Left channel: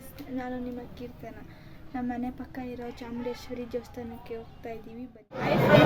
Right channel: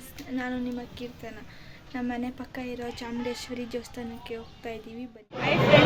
Friends, ನಾನು ನಿಮ್ಮ ಕೀರ್ತನ. ನಮ್ಮ ಮನೆ ಪಕ್ಕ ಇರೋ ಚಾಮುಂಡೇಶ್ವರಿ ದೇವಸ್ಥಾನಕ್ಕೆ ಹೋಗ್ತಾ ಇದ್ದೀವಿ. ಬನ್ನಿ.